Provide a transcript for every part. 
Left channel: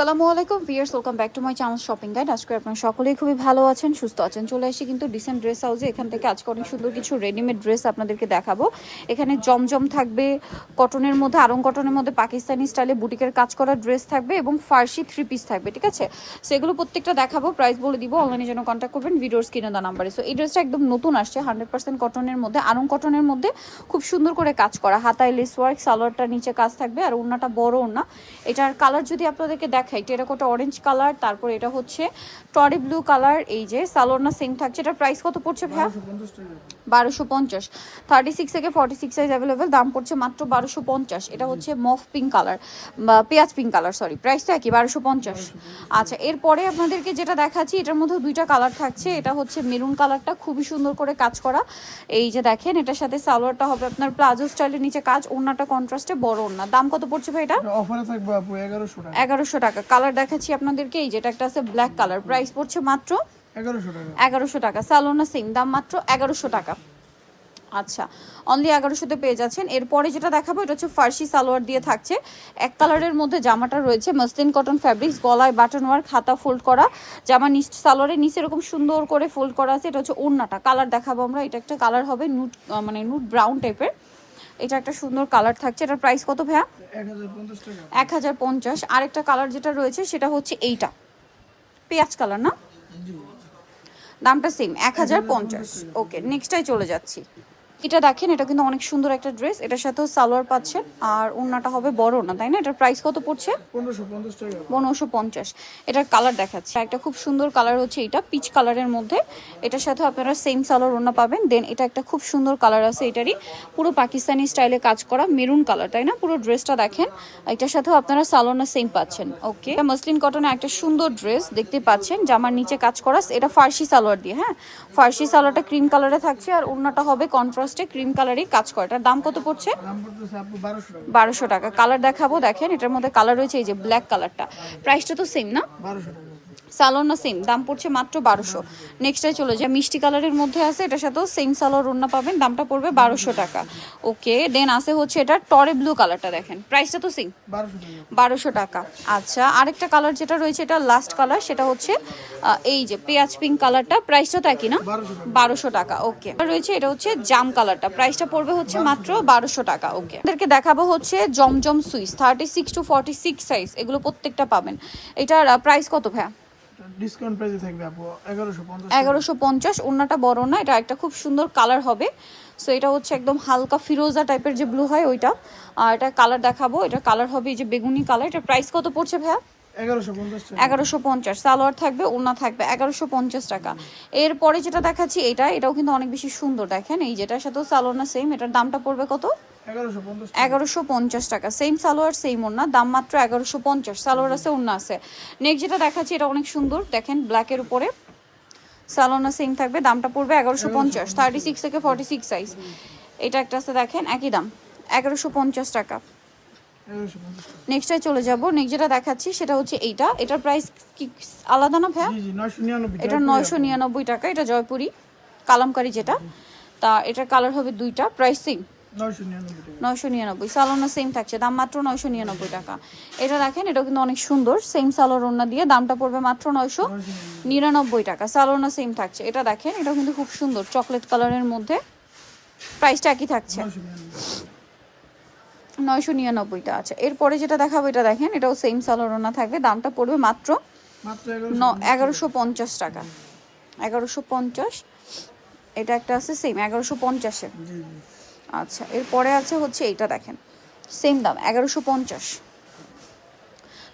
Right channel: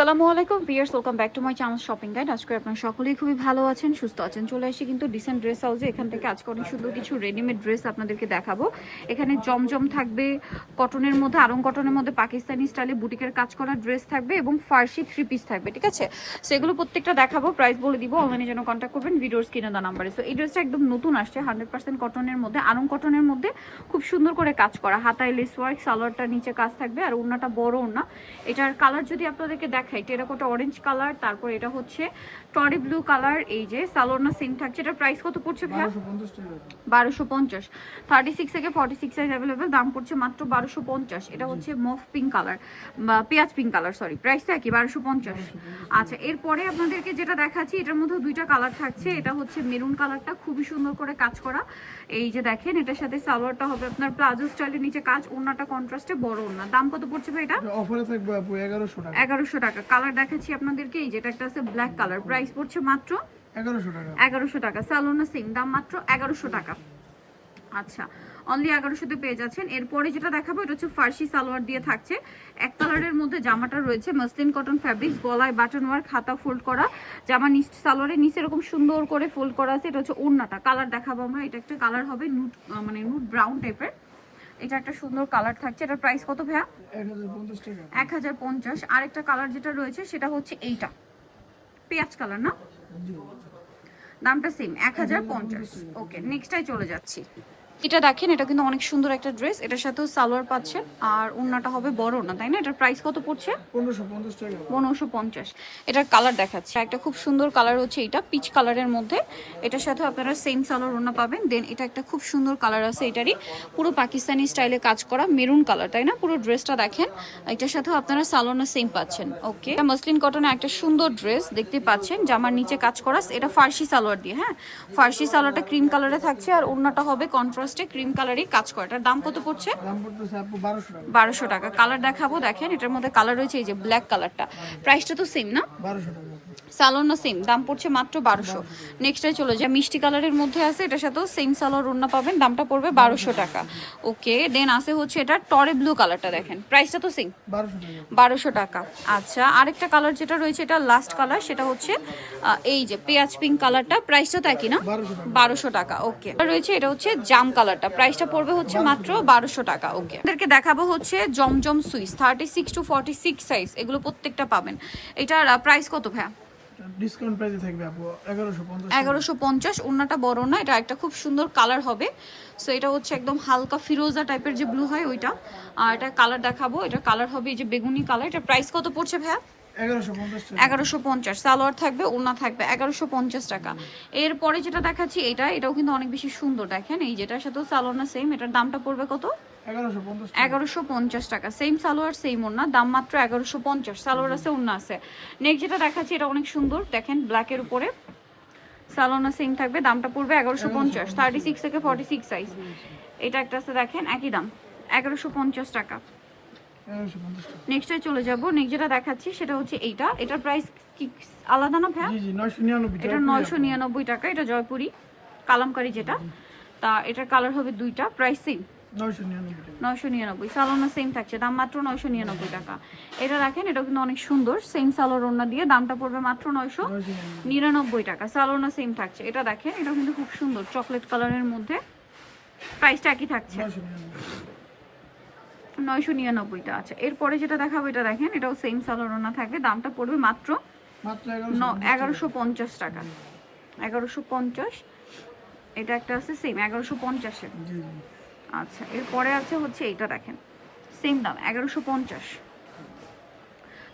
আসসালামু আলাইকুম viewers, welcome back to my channel shopping guide. আজকে আপনারা সকলেই খুবই ভালো আছেন, সুস্থ আছেন। চলে আসি কিন্তু ডিসেন্ট ড্রেস হাউসে। এখান থেকে আজকে অনেক সুন্দর কিছু রেডিমেড ড্রেস আপনাদেরকে দেখাবো। এখানে জমজম থাকবে, কটনের মধ্যে আরং কটনের মধ্যে পাকিস্তানি স্টাইলে বুটিকের কাজ করা ড্রেস থাকবে এবং ফার্সি 3 পিস থাকবে, ঠিক আছে? সেগুলো প্রত্যেকটা দেখাবো, প্রাইস বলে দিব। অনলাইনে যেন কন্ট্যাক্ট করবেন ভিডিওর স্ক্রিনে দেওয়া নাম্বারে। সো এই ড্রেসটা একদম নতুন আসছে, 100% কটনের মধ্যে, আরং কটনের মধ্যে, খুব সুন্দর করে কাজ করা, হাতায় লেস ওয়ার্ক, সালোয়ারটা নিচে কাজ থাকবে আর ওড়নাটা বড় ওড়না। এটার কালার যদি আপনাদেরকে দেখাই, টেরাকোটা অরেঞ্জ কালার, তারপর এটা হচ্ছে টরি ব্লু কালার। এই যে সালোয়ারটা সেম থাকছে। এটার প্রাইস কত পড়ছে ভাই? 1250। 36 থেকে 46 সাইজ অ্যাভেলেবেল, দাম পড়ছে মাত্র 1250। এটা হচ্ছে মফ পিঙ্ক কালার বা পেঁয়াজ পিঙ্ক কালার, সরি, প্রাইসটা কি 1250। আচ্ছা, এরপরে আপনাদেরকে যেটা দেখাচ্ছি, এটার মধ্যে দুইটা কালার থাকছে। এটা হচ্ছে মেরুন কালারটা, খুবই সুন্দর করে কাজ করা। এই যে দেখেন, এটার সাথে সালোয়ারটা হবে আপনার প্লাজো স্টাইলের, নিচে কাজ, ওড়নাটা কন্ট্রাস্টে বড় ওড়না। দাম কত পড়ছে ভাই এটা? অফারে থাকবে আপু 1100 টাকা। 1100 টাকা। কালার দেখাচ্ছি আপনাদেরকে, এই যেটা একটা আছে ব্ল্যাক কালার, প্রাইস পড়ছে মাত্র 1100 টাকা। 1100 টাকা। সালোনা সেম দাম, মাত্র 1100 টাকা। আচ্ছা, অনলি 1100-তে পেয়ে যাচ্ছেন। এরপরে যেটা দেখাবো, এটা হচ্ছে ফার্সি সালোয়ার দিয়ে থাকছে। এক কালারের মধ্যে জামাটা রয়েছে, মসলিন কটন ফ্যাব্রিক্স, গলায় বাটন ওয়ার্ক, হাতা ফোল্ড করা, জামা সালোয়ারের নিচে এরকম সুন্দর করে ফোল্ড করা আছে। এটা হচ্ছে ওড়নাটা। কালার দেখাবো আমরা। এটা একটা কালার হবে নুট, মানে নুট ব্রাউন টাইপের। এটা একটা সুন্দর কালার থাকছে। এটার প্রাইস কত ভাইয়া? 1050 টাকা। 1050। আরেকটা কালার যেটা রয়েছে সেটা হচ্ছে এইটা, পেঁয়াজ কালার না, দামটা সেম 1050। ওকে, নেক্সটটাই চলে যাচ্ছি। এটা দেখেন, এটা কিন্তু অনেক সুন্দর একটা ড্রেস। এটার সাথেও সালোয়ার পাচ্ছেন আর ওড়নাটা হবে বড় না, তাই না? এটার প্রাইস কত পড়ছে? 1550 টাকা। 1550। এটার কালার দেখাচ্ছে, একটা খুব সুন্দর কালার হচ্ছে এটা, পিচ কালারের মধ্যে। এটার সাথে আপনারা সেম সালোয়ার ওড়না পাবেন। দেন এটা একটা খুব সুন্দর কালার আছে, এটারই পুরো পাকিস্তানি স্টাইলে কাজ করা, মেরুন কালার, তাই না? পুরো ড্রেসটা দেখেন, এটার সাথেও আপনারা সালোয়ার সেম পাচ্ছেন। ওকে, এটা মসলিন কটনে একটা সুন্দর ড্রেস দেখতে পাচ্ছেন, জামার নিচে কাজ করা। এটা ফার্সি সালোয়ার দিয়ে, হ্যাঁ, ফার্সি সালোয়ারটা ক্রিম কালারে থাকছে আর ওড়নাটা হবে কন্ট্রাস্টে ক্রিম কালারই কাজ করা। এটার দাম কত পড়ছে? দাম পড়তেছে আপু 1200 টাকা। 1200 টাকা। কালার দেখাবো, দেখেন এটার মধ্যে কালার রয়েছে, এই যে ব্ল্যাক কালারটা, প্রাইসটা তো সেম না? 1200 টাকা। সালোয়ার না সেম, দাম পড়ছে মাত্র 1200। নেক্সটে চলে যায়, মিষ্টি কালারের মধ্যে আছে, এটার সাথেও সেম সালোয়ার ওড়না পাবেন, দামটা পড়বে 1200 টাকা। ওকে, দেন আছে হচ্ছে এটা টরে ব্লু কালারটা, দেখেন প্রাইসটা তো সেম 1200 টাকা। 1200 টাকা। আচ্ছা, আরেকটা কালার যেটা রয়েছে, এটা লাস্ট কালার, সেটা হচ্ছে এই যে পেঁয়াজ পিঙ্ক কালারটা, প্রাইসটা তো একই না? 1200 টাকা। ওকে, রয়েছে এটা হচ্ছে জাম কালারটা, প্রাইসটা পড়বে হচ্ছে মাত্র 1200 টাকা। ওকে, আপনাদেরকে দেখাবো হচ্ছে জমজম সুইস 36 to 46 সাইজ, এগুলো প্রত্যেকটা পাবেন। এটার প্রাইস কত ভাইয়া? ডিসকাউন্ট প্রাইসে থাকবে আপু 1150 টাকা। 1150। ওড়নাটা বড় না, এটা একটা খুব সুন্দর কালার হবে। সো এটা হচ্ছে একদম হালকা ফিরোজা টাইপের যে ব্লু হয় ওইটা। আর এটা কালার দেখাবো, এটা কালার হবে এই যে বেগুনি কালার। এটা প্রাইস কত পড়ছে ভাইয়া? 1150 টাকা। 1150। সালোয়ার থাকবে, ওড়না থাকবে, 1150 টাকা। এরপরে যেটা দেখাচ্ছি, এটাও কিন্তু অনেক বেশি সুন্দর, দেখেন এই যেটার সাথেও সালোয়ার না সেম। এটার দামটা পড়বে কত? 1150 টাকা। 1150 টাকা। সেম সালোয়ার সেম ওড়না, দাম মাত্র 1150। সালোয়ার আছে, ওড়না আছে। নেক্সট যেটা দেখাচ্ছি, এটা অনেক সুন্দর, দেখেন ব্ল্যাকের উপরে, সালোনা সেম থাকবে, দামটা পড়বে 1150। 36 থেকে 46 সাইজ। এটা একটা আছে, দেখেন একই দাম, 1150 টাকা। 1150 টাকা। নেক্সটে চলে যাব। নেক্সট যেটা দেখাচ্ছি সেটা হচ্ছে এইটা, এটার প্রাইস কি আলাদা না ভাইয়া? জি জি 999 এটা 999 টাকা। এটা জয়পুরি কালামকারি যেটা, তা এটার কালার হবে দুইটা, প্রাইস সেম 999 টাকা। 999। সালোনা সেম থাকছে, দাম মাত্র 999 টাকা। এটা দেখেন, এটা কিন্তু অনেক সুন্দর, সেম সালোয়ার ওড়না দিয়ে, দামটা পড়বে মাত্র 999 টাকা। সালোনা সেম থাকছে। এটা দেখেন, এটা কিন্তু খুব সুন্দর, চকলেট কালারের মধ্যে, প্রাইসটা একই থাকছে 999টা। আচ্ছা, এরপরে যেটা দেখাবো, এটা দেখেন, এটাও সেম সালোয়ার ওড়না থাকবে, দামটা পড়বে মাত্র 1150 টাকা। 1150। এটা একটা আছে সেম 1150-এ। জি জি। আচ্ছা, এরপরে আছে হচ্ছে এইটা, দেখেন সেম দাম 1150।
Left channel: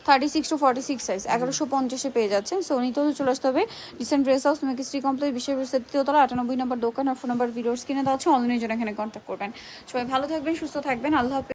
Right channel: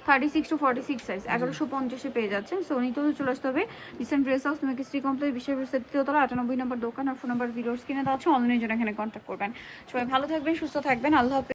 36 to 46 সাইজ 1150-এ পেয়ে যাচ্ছেন। সো নিতে হলে চলে আসতে হবে রিসেন্ট ড্রেস হাউস, মেক স্ট্রি কমপ্লেক্স, বিশ্ববিদ্যালয় তৃতীয়তলা, 98 নম্বর দোকান। আর ফোন নাম্বার ভিডিওস কিনে দেওয়া হচ্ছে, অনলাইনে জন্য এখানে কন্ট্যাক্ট করবেন। সবাই ভালো থাকবেন, সুস্থ থাকবেন, আল্লাহ হাফেজ।